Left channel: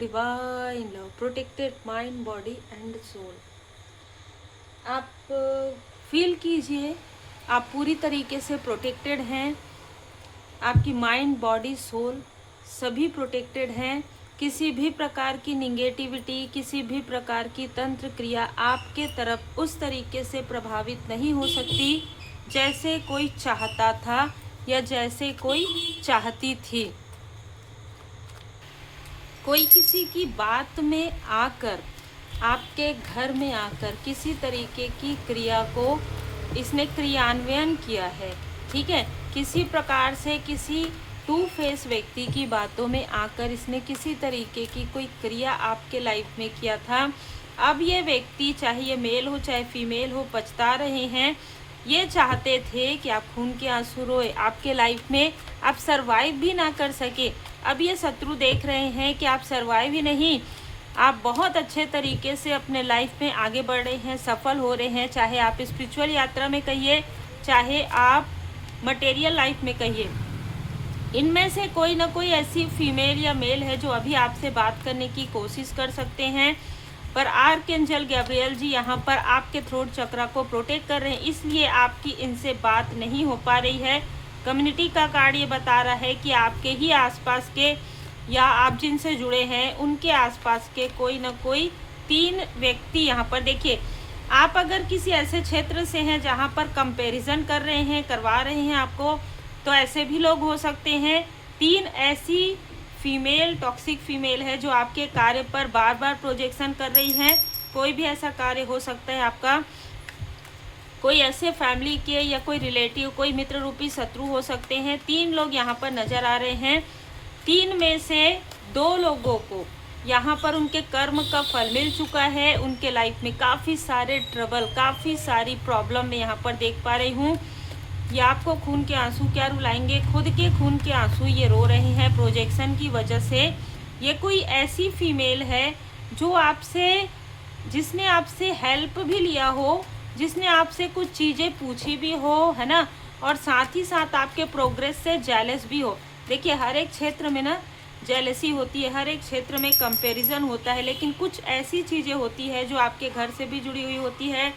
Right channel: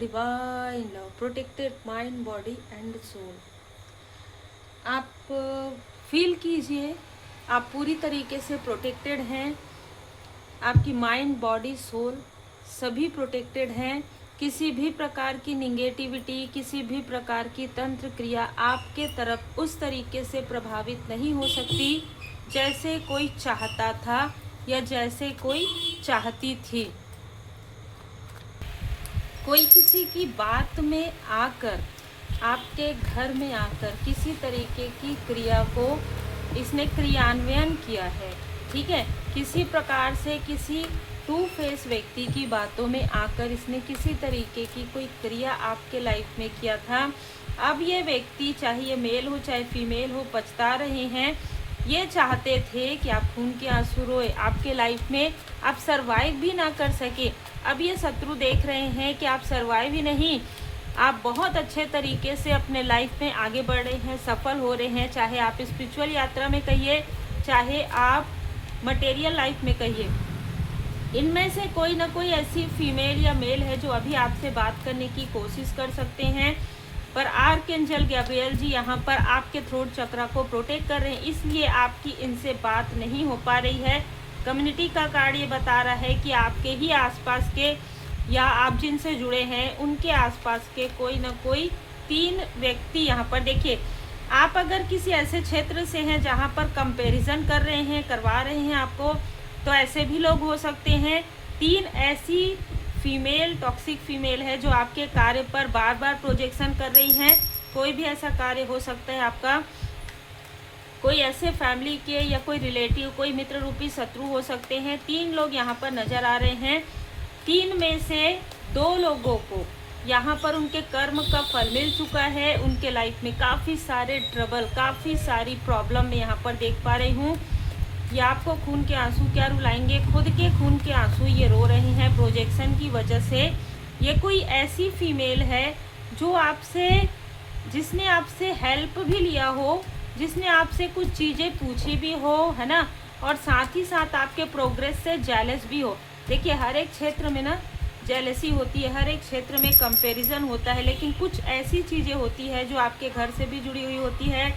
Divine love protected mind body and soul. आप feel कीजिए आप पूरी तरीके से प्रोटेक्टेड हैं। आपकी माइंड बॉडी सोल सभी प्रोटेक्टेड हैं। किसी भी प्रकार की निगेटिविटी, किसी भी प्रकार की तंत्र क्रिया आपके तरफ उस तरीके से प्रभावित नहीं हो सकती जैसे कोई चाहता था या जैसे कोई चाहती थी। कोई किसी की बात में आकर, आपके घर में आकर किसी तरीके की क्रिया को इसने क्रियान्वयन किया है, ठीक है। किसी प्रकार से किसी टू फेस व्यक्ति की बातों में आकर इसने किसी तरीके की कोई क्रिया आपके लाइफ में किया था। अब ये व्यक्ति, चाहे ये मेल हो चाहे फीमेल हो, पछता रहे हैं। ये चाहते थे कि आप खून के आंसू रोए, आपके लाइफ में आप सरवाइव भी ना कर सके। अब ये शत्रु देख रहे हैं कि आप सरवाइव ही नहीं, आप बहुत अच्छे तरीके से अपने लाइफ में आगे बढ़ रहे हैं, सफल हो रहे हैं। चाहे आप स्पिरिचुअल यात्रा में कहिए, चाहे आप मटेरियल लाइफ में कहिए। इनमें से कोई ना कोई ऐसी फीमेल या मेल है जो अभी आपसे बात करने की कोशिश कर सकते हैं, पर आर्कएंजल गैब्रियल जी यहाँ पर आपके थ्रोट चक्रा को प्रोटेक्ट कर रहे हैं, इसलिए आपकी इनसे बात नहीं हो पा रही है। कम्युनिटी का कार्ड ये बता रहा है कि आपके ही आसपास के या आप जिनसे जुड़े हैं उनके आसपास के कोई ना कोई 3 व्यक्ति यहाँ पर देखिए। आप अगर किसी ऐसे क्षेत्र से हैं जहाँ पर कंपैरिजन कर रहे हैं, करवा रहे हैं आपको, तो ऐसे भी लोग हो सकते हैं। 3 ऐसी फीमेल, टॉक्सिक फीमेल है जो आपके कार्य पर बार बार प्रोजेक्शन कर रही हैं। कोई भी ऐसा कार्य हो सकता है आपका, कोई ऐसे फैमिली के या कोई रिलेटिव, कोई मित्र रूपी शत्रु हो सकते हैं। 3 लोग यहाँ पर नजर आ रहे हैं। 3 में से 2 लोगों को यहाँ पर उनके कर्म का फल मिल चुका है। उनके लाइफ में काफ़ी सारे ट्रबल, काफ़ी सारी प्रॉब्लम मैं यहाँ पर देख पा रही हूँ। ये आपको खून के आंसू क्या रुलाएंगे, खुद के खून के आंसू ये रो रहे हैं प्रोजेक्शन की वजह से। ये कोई ऐसी फीमेल है जो आपसे, जिसने आपसे हेल्प भी लिया हो, जिसने आपसे कुछ चीज़ें पूछी भी हो, है ना, और साथ ही साथ आपके प्रोग्रेस से जेलस भी हो। देखिए हर एक क्षेत्र में ना जेलसी होती है, हर एक क्षेत्र में कंपैरिजन होता है, लेकिन कुछ ऐसी चीज़ें होती है जो आपके घर से भी जुड़ी हुई होती है,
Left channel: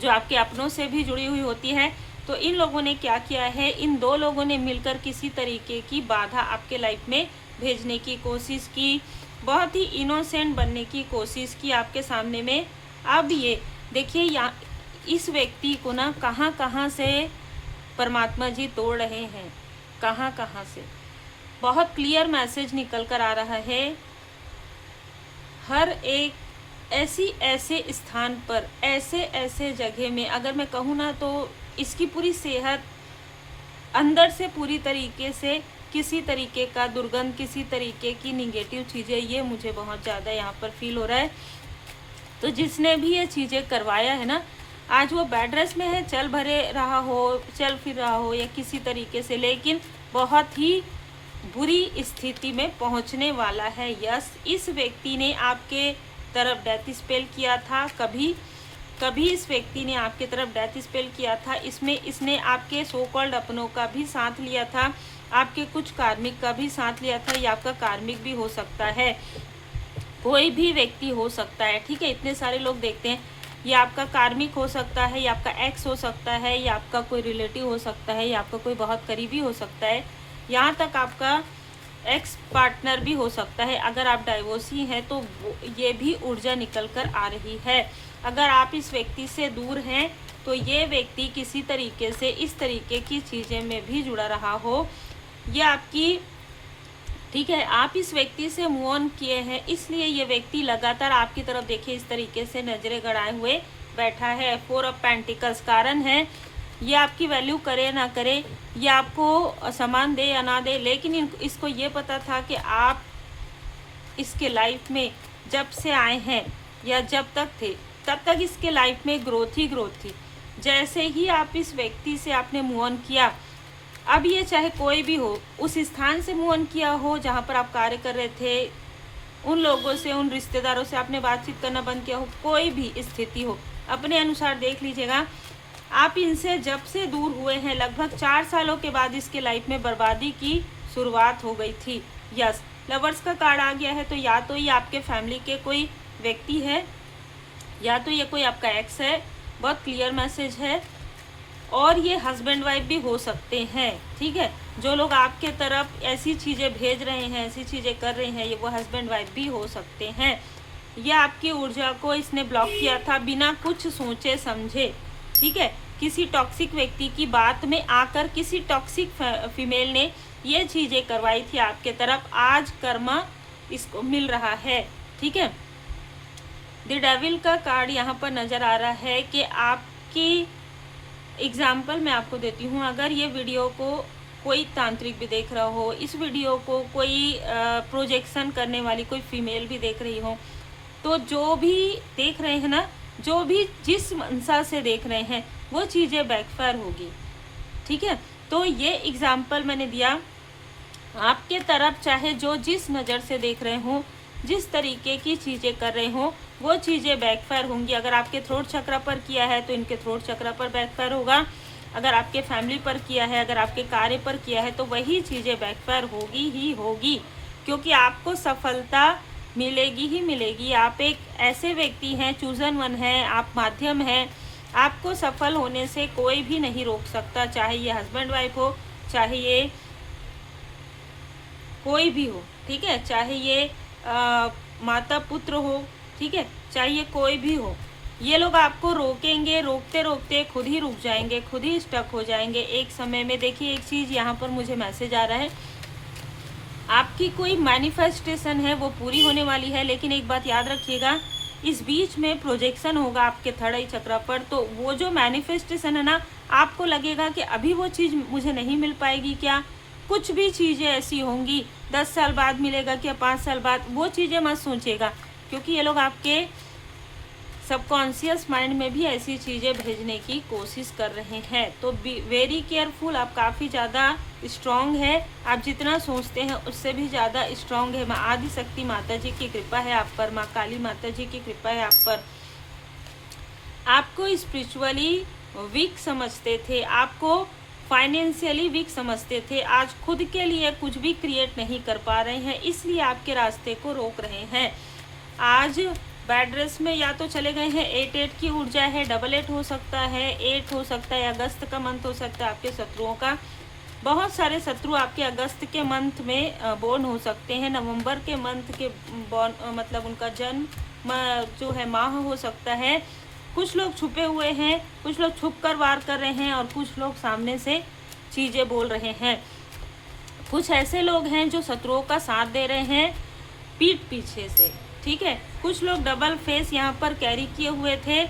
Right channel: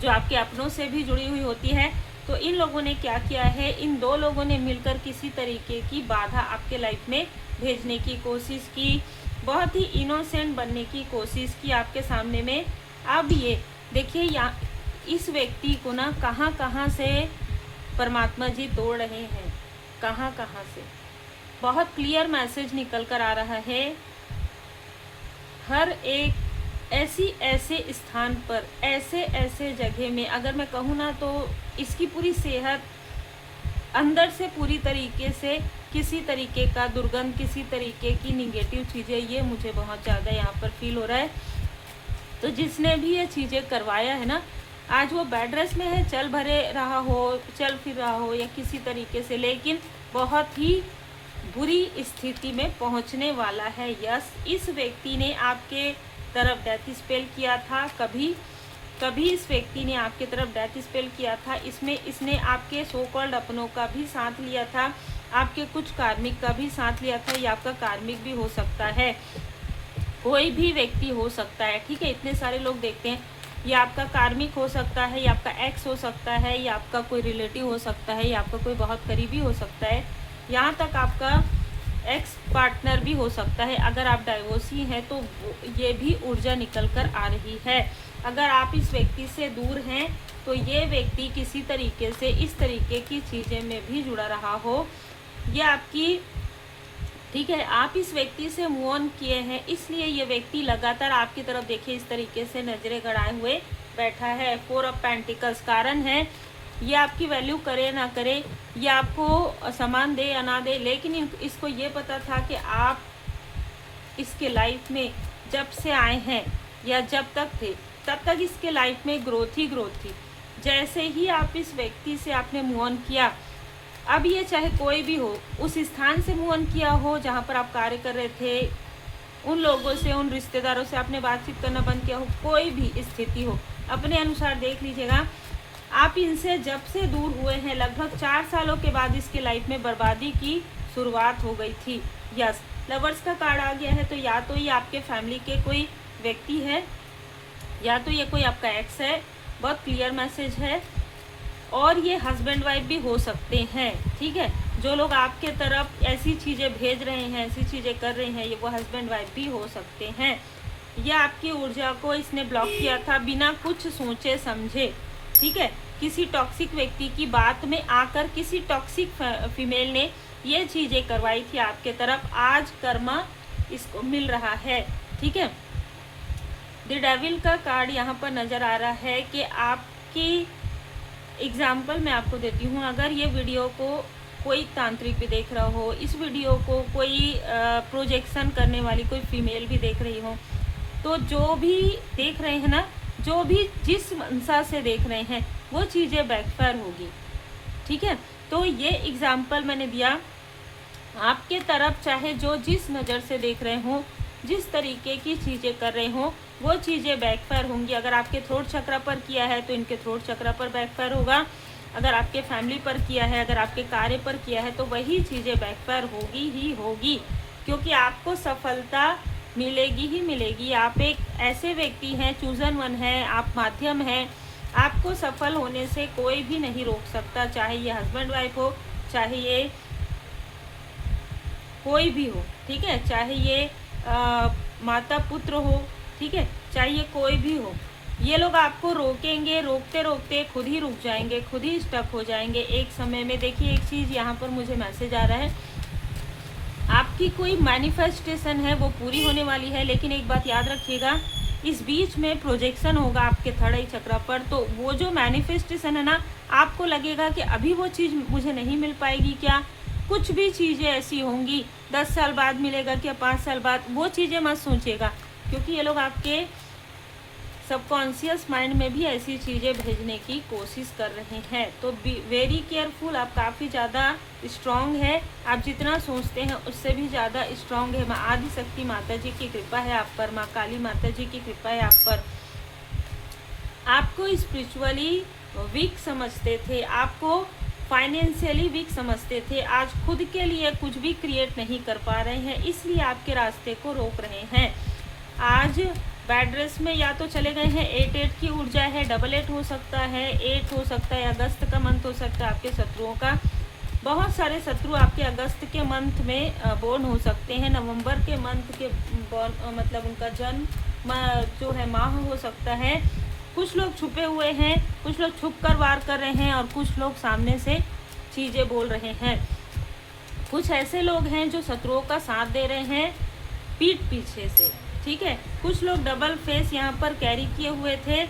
जो आपके अपनों से भी जुड़ी हुई होती है। तो इन लोगों ने क्या किया है, इन 2 लोगों ने मिलकर किसी तरीके की बाधा आपके लाइफ में भेजने की कोशिश की, बहुत ही इनोसेंट बनने की कोशिश की आपके सामने में। अब ये देखिए यहाँ इस व्यक्ति को ना कहाँ कहाँ से परमात्मा जी तोड़ रहे हैं, कहाँ कहाँ से बहुत क्लियर मैसेज निकल कर आ रहा है। हर एक ऐसे स्थान पर, ऐसे जगह में, अगर मैं कहूँ ना तो इसकी पूरी सेहत अंदर से पूरी तरीके से किसी तरीके का दुर्गंध, किसी तरीके की निगेटिव चीज़ें, ये मुझे बहुत ज़्यादा यहाँ पर फील हो रहा है। तो जिसने भी ये चीज़ें करवाया है ना, आज वो बेड रेस्ट में है, चल भरे रहा हो, चल फिर रहा हो या किसी तरीके से, लेकिन बहुत ही बुरी स्थिति में पहुंचने वाला है। यस, इस व्यक्ति ने आपके तरफ डेथ स्पेल किया था, कभी इस व्यक्ति ने आपके तरफ डेथ स्पेल किया था। इसमें इसने आपके सो कॉल्ड अपनों का भी साथ लिया था, आपके कुछ कार्मिक का भी साथ लिया था। ये आपका कार्मिक भी हो सकता है, कोई भी व्यक्ति हो सकता है, ठीक है। इतने सारे लोग देखते हैं, ये आपका कार्मिक हो सकता है, या आपका एक्स हो सकता है, या आपका कोई रिलेटिव हो सकता है, या आपका कोई बहुत करीबी हो सकता है, यहाँ तक आपका एक्स पार्टनर भी हो सकता है। अगर आप डाइवोर्सी हैं तो ये भी ऊर्जा निकल कर आ रही है। अगर आप इस व्यक्ति से दूर हैं तो ये व्यक्ति किसी तरीके से इस तरीके की चीज़ें में भी जुड़ा रहा हो, ये आपकी, ठीक है, आप इस व्यक्ति से मूव ऑन किए हैं, इसलिए ये व्यक्ति लगातार आपकी तरफ देखे इस तरीके से नजरें गड़ाए हुए बैठा है। 4 ऑफ पेंटिकल्स कारण है, ये आपकी वैल्यू करे ना करे, ये आपको सम्मान दे या ना दे, लेकिन इसको ये पता था कि आप इसके लाइफ में जब से आए हैं या जब तक थे तब तक इसके लाइफ में ग्रोथ ही ग्रोथ थी। जैसे ही आप इस व्यक्ति से आपने मूव ऑन किया, अब ये चाहे कोई भी हो, उस स्थान से मूव ऑन किया हो जहाँ पर आप कार्य कर रहे थे, उन लोगों से, उन रिश्तेदारों से आपने बातचीत करना बंद किया हो, कोई भी स्थिति हो, अपने अनुसार देख लीजिएगा। आप इनसे जब से दूर हुए हैं, लगभग 4 सालों के बाद इसके लाइफ में बर्बादी की शुरुआत हो गई थी। यस, लवर्स का कार्ड आ गया है तो या तो ये आपके फैमिली के कोई व्यक्ति है या तो ये कोई आपका एक्स है, बहुत क्लियर मैसेज है। और ये हस्बैंड वाइफ भी हो सकते हैं, ठीक है। जो लोग आपके तरफ ऐसी चीज़ें भेज रहे हैं, ऐसी चीज़ें कर रहे हैं, ये वो हस्बैंड वाइफ भी हो सकते हैं। ये आपकी ऊर्जा को इसने ब्लॉक किया था बिना कुछ सोचे समझे, ठीक है। किसी टॉक्सिक व्यक्ति की बात में आकर किसी टॉक्सिक फीमेल ने ये चीज़ें करवाई थी आपके तरफ, आज कर्मा इसको मिल रहा है, ठीक है। द डेविल का कार्ड यहाँ पर नज़र आ रहा है कि आपकी एग्जाम्पल मैं आपको देती हूँ। अगर ये वीडियो को कोई तांत्रिक भी देख रहा हो, इस वीडियो को कोई प्रोजेक्शन करने वाली कोई फीमेल भी देख रही हो, तो जो भी देख रहे हैं ना, जो भी जिस मनसा से देख रहे हैं वो चीज़ें बैकफायर होगी, ठीक है। तो ये एग्जाम्पल मैंने दिया आपके तरफ, चाहे जो जिस नज़र से देख रहे हो, जिस तरीके की चीज़ें कर रहे हो, वो चीज़ें बैकफायर होंगी। अगर आपके थ्रोट चक्र पर किया है तो इनके थ्रोट चक्र पर बैकफायर होगा। अगर आपके फैमिली पर किया है, अगर आपके कार्य पर किया है, तो वही चीज़ें बैकफायर होगी ही होगी, क्योंकि आपको सफलता मिलेगी ही मिलेगी। आप एक ऐसे व्यक्ति हैं, चूजन वन है, आप माध्यम हैं। आपको सफल होने से कोई भी नहीं रोक सकता, चाहे ये हस्बैंड वाइफ हो, चाहे ये कोई भी हो, ठीक है। चाहे ये माता पुत्र हो, ठीक है, चाहे ये कोई भी हो। ये लोग आपको रोकेंगे, रोकते रोकते खुद ही रुक जाएंगे, खुद ही स्टक हो जाएंगे एक समय में। देखिए एक चीज़ यहाँ पर मुझे मैसेज आ रहा है, आपकी कोई मैनिफेस्टेशन है वो पूरी होने वाली है, लेकिन एक बात याद रखिएगा, इस बीच में प्रोजेक्शन होगा आपके थर्ड आई चक्र पर। तो वो जो मैनिफेस्टेशन है ना, आपको लगेगा कि अभी वो चीज़ मुझे नहीं मिल पाएगी क्या, कुछ भी चीज़ें ऐसी होंगी 10 साल बाद मिलेगा क्या, 5 साल बाद, वो चीज़ें मत सोचिएगा, क्योंकि ये लोग आपके सबकॉन्शियस माइंड में भी ऐसी चीज़ें भेजने की कोशिश कर रहे हैं। तो बी वेरी केयरफुल। आप काफ़ी ज़्यादा स्ट्रॉन्ग है, आप जितना सोचते हैं उससे भी ज़्यादा स्ट्रॉन्ग है। माँ आदिशक्ति माता जी की कृपा है आप पर, माँ काली माता जी की कृपा है आप पर। आपको स्पिरिचुअली वीक समझते थे, आपको फाइनेंशियली वीक समझते थे, आज खुद के लिए कुछ भी क्रिएट नहीं कर पा रहे हैं, इसलिए आपके रास्ते को रोक रहे हैं। आज बैड रेस में या तो चले गए हैं, 8 की ऊर्जा है, 88 हो सकता है, 8 हो सकता है, अगस्त का मंथ हो सकता है आपके शत्रुओं का। बहुत सारे शत्रु आपके अगस्त के मंथ में बोर्न हो सकते हैं, नवंबर के मंथ के बोर्न मतलब उनका जन्म जो है माह हो सकता है। कुछ लोग छुपे हुए हैं, कुछ लोग छुप कर वार कर रहे हैं और कुछ लोग सामने से चीज़ें बोल रहे हैं। कुछ ऐसे लोग हैं जो शत्रुओं का साथ दे रहे हैं पीठ पीछे से, ठीक है। कुछ लोग डबल फेस यहाँ पर कैरी किए हुए थे।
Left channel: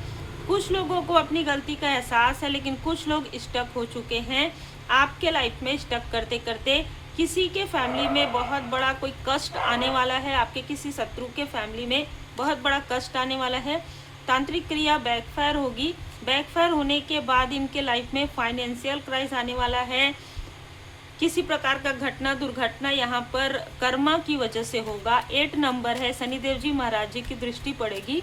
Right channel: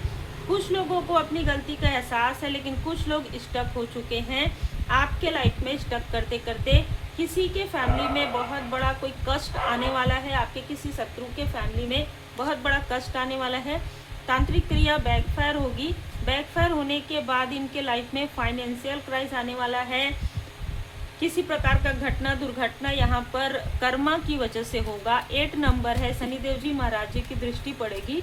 कुछ लोगों को अपनी गलती का एहसास है, लेकिन कुछ लोग स्टक हो चुके हैं आपके लाइफ में। स्टक करते करते किसी के फैमिली में बहुत बड़ा कोई कष्ट आने वाला है, आपके किसी शत्रु के फैमिली में बहुत बड़ा कष्ट आने वाला है। तांत्रिक क्रिया बैकफायर होगी, बैकफायर होने के बाद इनके लाइफ में फाइनेंशियल क्राइसिस आने वाला है। किसी प्रकार का घटना दुर्घटना यहाँ पर कर्मा की वजह से होगा। 8 नंबर है, शनिदेव जी महाराज जी की दृष्टि पड़ेगी,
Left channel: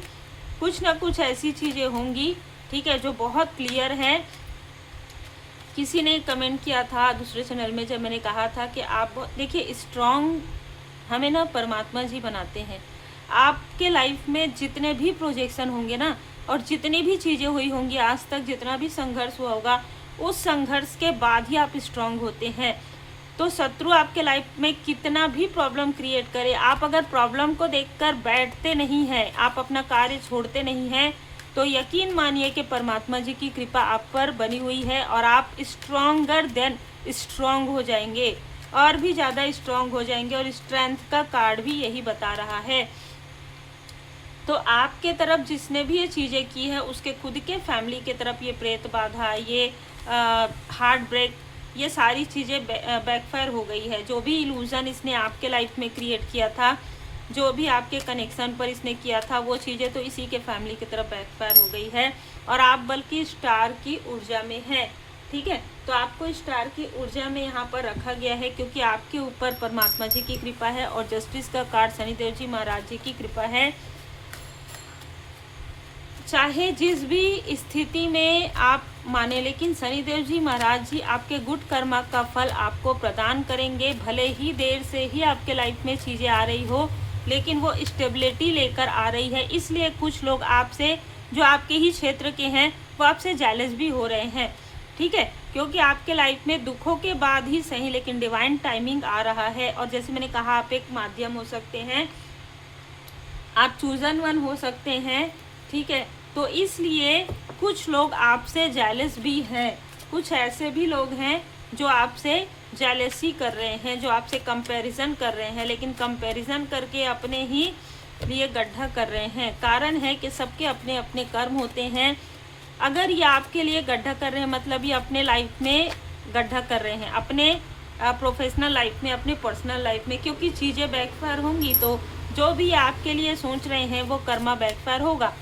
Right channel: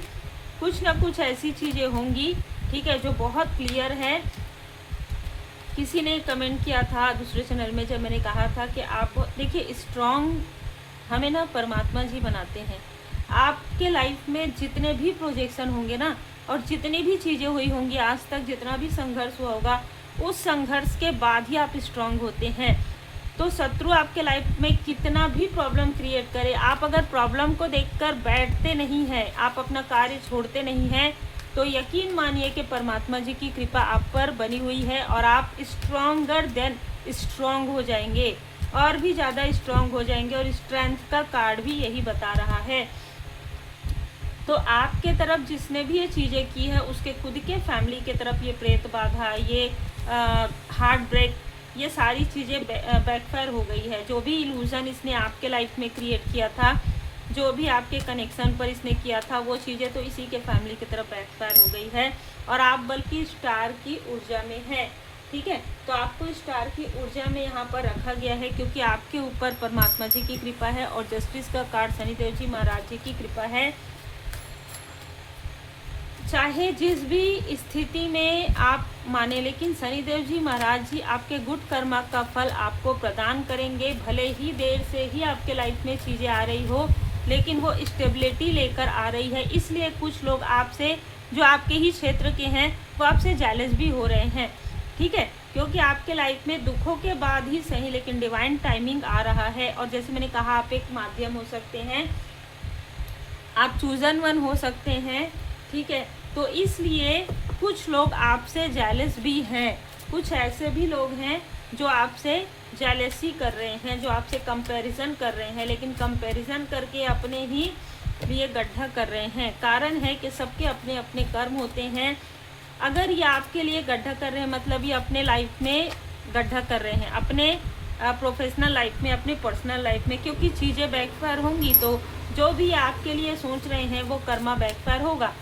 कुछ ना कुछ ऐसी चीज़ें होंगी, ठीक है, जो बहुत क्लियर है। किसी ने कमेंट किया था दूसरे चैनल में, जब मैंने कहा था कि आप देखिए स्ट्रॉन्ग हमें ना परमात्मा जी बनाते हैं। आपके लाइफ में जितने भी प्रोजेक्शन होंगे ना, और जितनी भी चीज़ें हुई होंगी आज तक, जितना भी संघर्ष हुआ होगा, उस संघर्ष के बाद ही आप स्ट्रांग होते हैं। तो शत्रु आपके लाइफ में कितना भी प्रॉब्लम क्रिएट करे, आप अगर प्रॉब्लम को देखकर बैठते नहीं हैं, आप अपना कार्य छोड़ते नहीं हैं, तो यकीन मानिए कि परमात्मा जी की कृपा आप पर बनी हुई है और आप स्ट्रॉन्गर देन स्ट्रॉन्ग हो जाएंगे, और भी ज़्यादा स्ट्रॉन्ग हो जाएंगे। और स्ट्रेंथ का कार्ड भी यही बता रहा है। तो आपके तरफ जिसने भी ये चीज़ें की है, उसके खुद के फैमिली के तरफ ये प्रेत बाधा, ये हार्ट ब्रेक, ये सारी चीज़ें बैकफायर हो गई है। जो भी इल्यूज़न इसने आपके लाइफ में क्रिएट किया था, जो भी आपके कनेक्शन पर इसने किया था, वो चीज़ें तो इसी के फैमिली की तरफ बैकफायर हो गई है। और आप बल्कि स्टार की ऊर्जा में हैं, ठीक है। तो आपको स्टार की ऊर्जा में यहाँ पर रखा गया है, क्योंकि आपके ऊपर परमात्मा जी की कृपा है और जस्टिस का कार्ड शनिदेव जी महाराज जी की कृपा है। चाहे जिस भी स्थिति में आप माने, लेकिन शनिदेव जी महाराज जी आपके गुड कर्मा का फल आपको प्रदान करेंगे। भले ही देर से ही आपके लाइफ में चीज़ें आ रही हो, लेकिन वो स्टेबिलिटी लेकर आ रही है। इसलिए कुछ लोग आपसे, जो आपके ही क्षेत्र के हैं, वो आपसे जेलस भी हो रहे हैं, ठीक है, क्योंकि आपके लाइफ में दुखों के बाद ही सही, लेकिन डिवाइन टाइमिंग आ रहा है। और जैसे मैंने कहा, आप एक माध्यम हो सकते हैं, आप चूजन वन हो सकते हैं, ठीक है। तो इसलिए कुछ लोग आपसे जेलस भी हैं, कुछ ऐसे भी लोग हैं जो आपसे जेलसी कर रहे हैं, जो आपसे कंपैरिजन कर रहे हैं, लेकिन कंपैरिजन करके अपने ही लिए गड्ढा कर रहे हैं। कारण है कि सबके अपने अपने कर्म होते हैं। अगर ये आपके लिए गड्ढा कर रहे हैं, मतलब ये अपने लाइफ में गड्ढा कर रहे हैं, अपने प्रोफेशनल लाइफ में, अपने पर्सनल लाइफ में, क्योंकि चीज़ें बैकफायर होंगी तो जो भी आपके लिए सोच रहे हैं वो कर्मा बैकफायर होगा,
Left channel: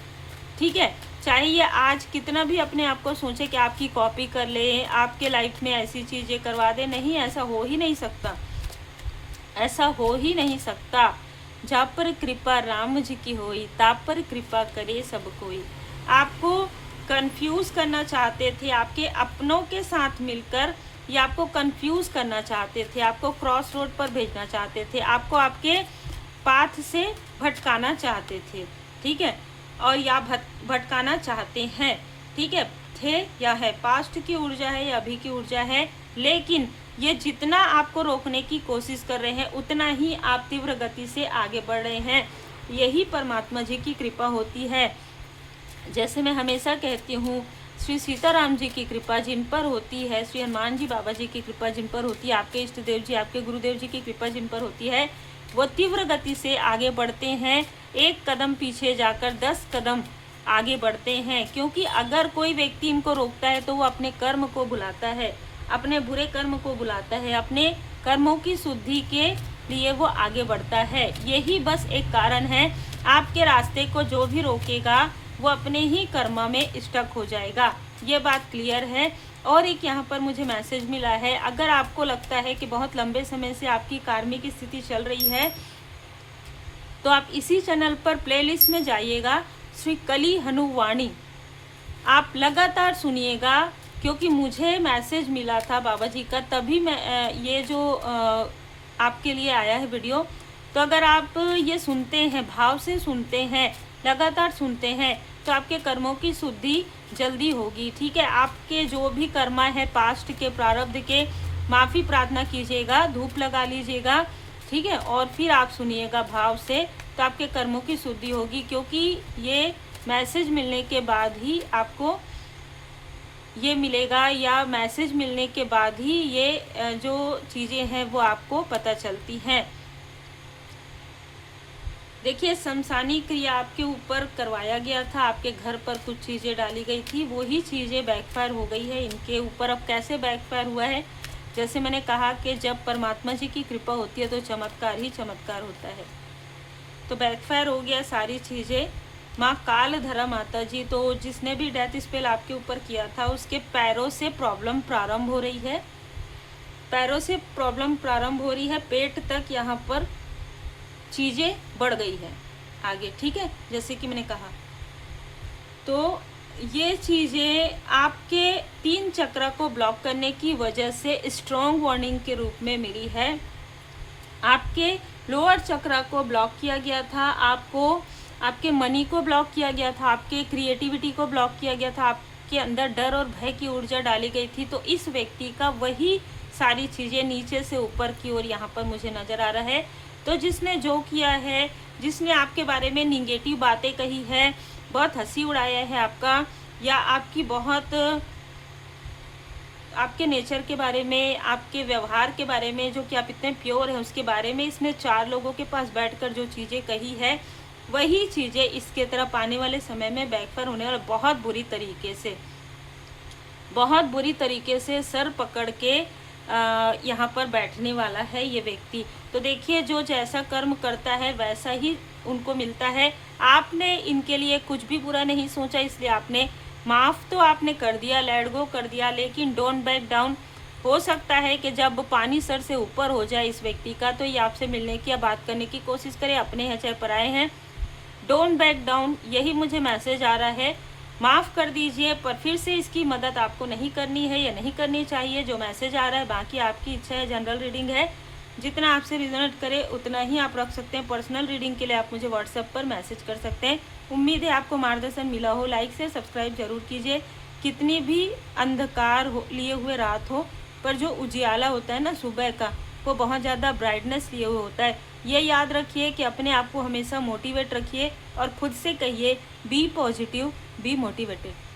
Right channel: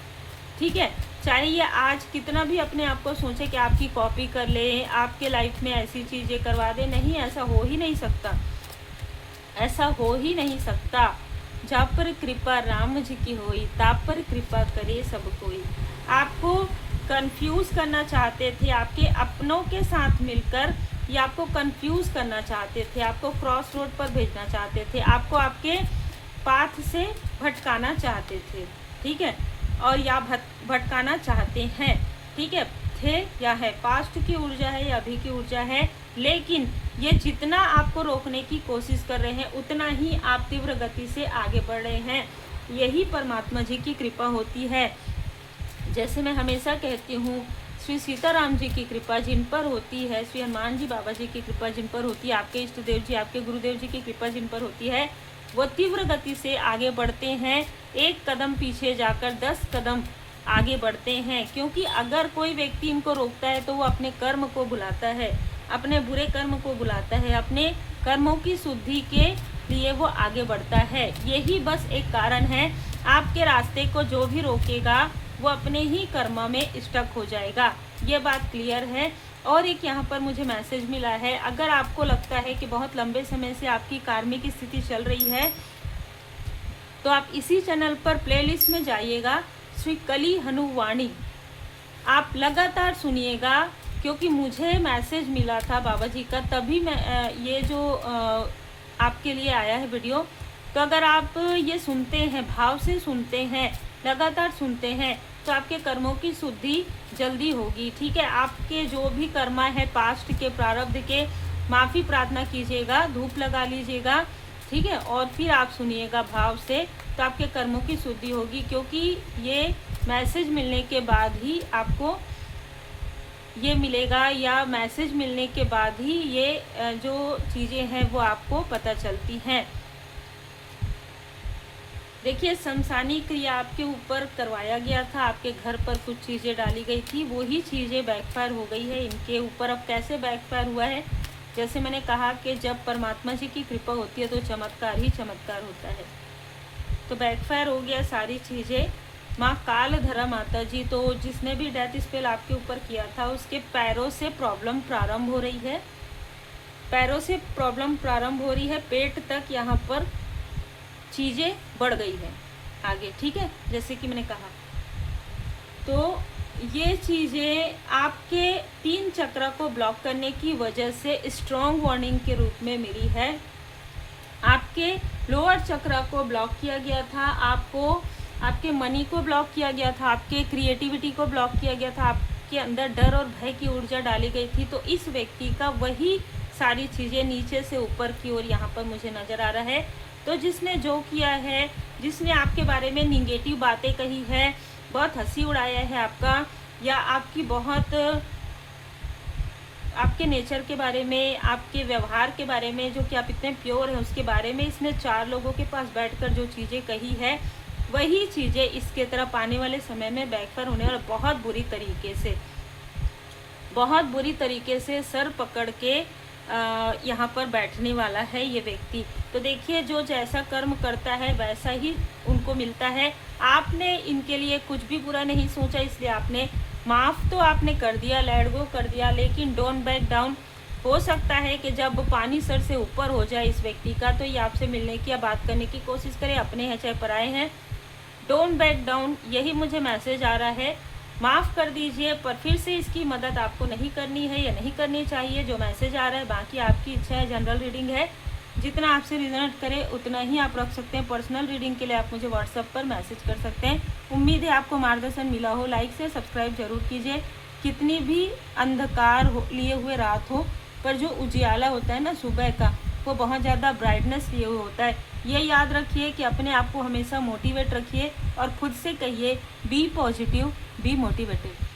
ठीक है। चाहे ये आज कितना भी अपने आप को सोचे कि आपकी कॉपी कर ले, आपके लाइफ में ऐसी चीज़ें करवा दे, नहीं, ऐसा हो ही नहीं सकता, ऐसा हो ही नहीं सकता। जहाँ पर कृपा राम जी की होई, ताप पर कृपा करे सब कोई। आपको कंफ्यूज करना चाहते थे, आपके अपनों के साथ मिलकर ये आपको कंफ्यूज करना चाहते थे, आपको क्रॉस रोड पर भेजना चाहते थे, आपको आपके पाथ से भटकाना चाहते थे, ठीक है, और या भटकाना चाहते हैं, ठीक है, थे या है, पास्ट की ऊर्जा है या अभी की ऊर्जा है। लेकिन ये जितना आपको रोकने की कोशिश कर रहे हैं, उतना ही आप तीव्र गति से आगे बढ़ रहे हैं। यही परमात्मा जी की कृपा होती है। जैसे मैं हमेशा कहती हूँ, श्री सीताराम जी की कृपा जिन पर होती है, श्री हनुमान जी बाबा जी की कृपा जिन पर होती है, आपके इष्ट देव जी, आपके गुरुदेव जी की कृपा जिन पर होती है, वो तीव्र गति से आगे बढ़ते हैं। एक कदम पीछे जाकर 10 कदम आगे बढ़ते हैं। क्योंकि अगर कोई व्यक्ति इनको रोकता है तो वो अपने कर्म को बुलाता है, अपने बुरे कर्म को बुलाता है, अपने कर्मों की शुद्धि के लिए वो आगे बढ़ता है। यही बस एक कारण है, आपके रास्ते को जो भी रोकेगा वो अपने ही कर्म में स्टक हो जाएगा। ये बात क्लियर है। और एक यहाँ पर मुझे मैसेज मिला है, अगर आपको लगता है कि बहुत लंबे समय से आपकी कार्मिक स्थिति चल रही है, तो आप इसी चैनल पर प्लेलिस्ट में जाइएगा, श्री कली हनुवाणी, आप लगातार सुनिएगा। क्योंकि मुझे मैसेज मिला था बाबा जी का, तभी मैं ये जो आपके लिए आया है वीडियो। तो अगर आप ये सुनते हैं, भाव से सुनते हैं, लगातार सुनते हैं, तो आपके कर्मों की शुद्धि जल्दी होगी, ठीक है। आपके जो भी कर्मा है, पास्ट के, प्रारब्ध के, माफ़ी प्रार्थना कीजिएगा, धूप लगा लीजिएगा, ठीक है, और फिर आप सुनिएगा भाव से, तो आपके कर्मों की शुद्धि होगी। क्योंकि ये मैसेज मिलने के बाद ही आपको ये मिलेगा, या मैसेज मिलने के बाद ही ये जो चीज़ें हैं वो आपको पता चलती हैं। देखिए, शमशानी क्रिया आपके ऊपर करवाया गया था, आपके घर पर कुछ चीज़ें डाली गई थी, वही चीज़ें बैकफायर हो गई है इनके ऊपर। अब कैसे बैकफायर हुआ है, जैसे मैंने कहा कि जब परमात्मा जी की कृपा होती है तो चमत्कार ही चमत्कार होता है। तो बैकफायर हो गया सारी चीज़ें। माँ कालधरा माता जी, तो जिसने भी डेथ स्पेल आपके ऊपर किया था, उसके पैरों से प्रॉब्लम प्रारंभ हो रही है, पैरों से प्रॉब्लम प्रारंभ हो रही है, पेट तक यहाँ पर चीज़ें बढ़ गई हैं आगे, ठीक है, जैसे कि मैंने कहा। तो ये चीज़ें आपके 3 चक्र को ब्लॉक करने की वजह से स्ट्रॉन्ग वार्निंग के रूप में मिली है। आपके लोअर चक्र को ब्लॉक किया गया था, आपको आपके मनी को ब्लॉक किया गया था, आपके क्रिएटिविटी को ब्लॉक किया गया था, आपके अंदर डर और भय की ऊर्जा डाली गई थी। तो इस व्यक्ति का वही सारी चीज़ें नीचे से ऊपर की ओर यहाँ पर मुझे नज़र आ रहा है। तो जिसने जो किया है, जिसने आपके बारे में निगेटिव बातें कही है, बहुत हंसी उड़ाया है आपका, या आपकी बहुत आपके नेचर के बारे में, आपके व्यवहार के बारे में, जो कि आप इतने प्योर हैं उसके बारे में इसने 4 लोगों के पास बैठकर जो चीज़ें कही है, वही चीज़ें इसके तरफ आने वाले समय में बैकफायर होने वाला, बहुत बुरी तरीके से, बहुत बुरी तरीके से सर पकड़ के यहाँ पर बैठने वाला है ये व्यक्ति। तो देखिए, जो जैसा कर्म करता है वैसा ही उनको मिलता है। आपने इनके लिए कुछ भी बुरा नहीं सोचा, इसलिए आपने माफ़ तो आपने कर दिया, लेट गो कर दिया, लेकिन डोंट बैक डाउन। हो सकता है कि जब पानी सर से ऊपर हो जाए इस व्यक्ति का, तो ये आपसे मिलने की या बात करने की कोशिश करे, अपने हैं चाहे पराए हैं, डोंट बैक डाउन, यही मुझे मैसेज आ रहा है। माफ़ कर दीजिए, पर फिर से इसकी मदद आपको नहीं करनी है या नहीं करनी चाहिए, जो मैसेज आ रहा है। बाकी आपकी इच्छा है, जनरल रीडिंग है, जितना आपसे रिजोनेट करे उतना ही आप रख सकते हैं। पर्सनल रीडिंग के लिए आप मुझे व्हाट्सएप पर मैसेज कर सकते हैं। उम्मीद है आपको मार्गदर्शन मिला हो। लाइक से सब्सक्राइब जरूर कीजिए। कितनी भी अंधकार हो लिए हुए रात हो, पर जो उजियाला होता है ना सुबह का, वो बहुत ज़्यादा ब्राइटनेस लिए हुए होता है। ये याद रखिए कि अपने आप को हमेशा मोटिवेट रखिए और खुद से कहिए बी पॉजिटिव, बी मोटिवेटेड।